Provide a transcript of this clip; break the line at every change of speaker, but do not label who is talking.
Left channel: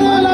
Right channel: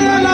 Manuel